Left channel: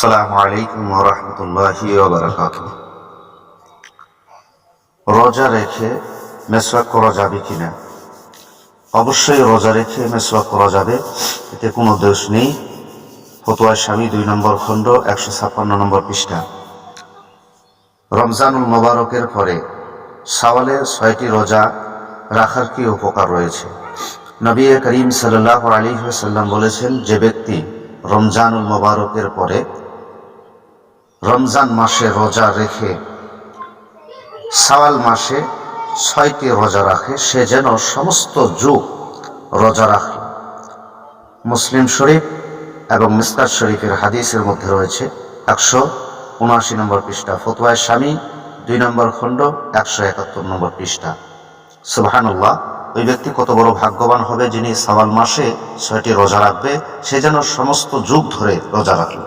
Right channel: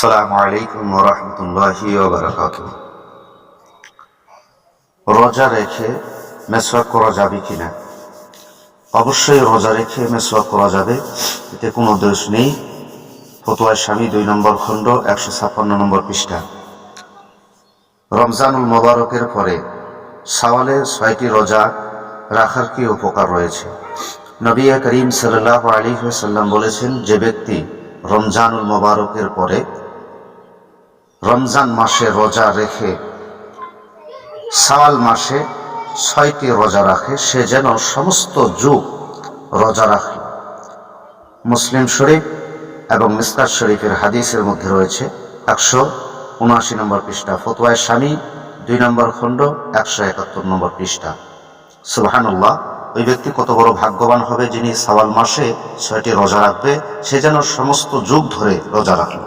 আসসালামু আলাইকুম ওয়া রাহমাতুল্লাহি ওয়া বারাকাতুহু। রোজা রেখে মেসওয়াক করা যাবে কিনা? অবশ্যই রোজা রেখে মেসওয়াক করা যাবে, এতে কোনো দোষ নেই। ফতোয়া স্বামী 2 নম্বর খণ্ড 156 নম্বর পৃষ্ঠা। রমজানুল মোবারকের পরে শাওয়ালে 6টি রোজা রাখার কি উপকার রয়েছে? নবী করিম সাল্লাল্লাহু আলাইহি ওয়াসাল্লাম বলেছেন, যে ব্যক্তি রমজানুল মোবারকের পরে রমজান মাসে রোজা রেখে শাওয়াল মাসে 6টি রোজা রাখে, সে যেন সমস্ত যুগ রোজা রাখে। মুসলিম শরীফ এবং মিসকাত শরীফের হাদিসের মধ্যে রয়েছে 179 নম্বর পৃষ্ঠা। ফতোয়া স্বামী 2 নম্বর খণ্ড 171 নম্বর পৃষ্ঠা। সুবহানাল্লাহ, ওই ব্যক্তি কত বড় ভাগ্যবান হবে যিনি শাওয়াল মাসে 6টি রোজা রাখবে, সে যেন সমস্ত যুগ ধরে রোজা রাখে।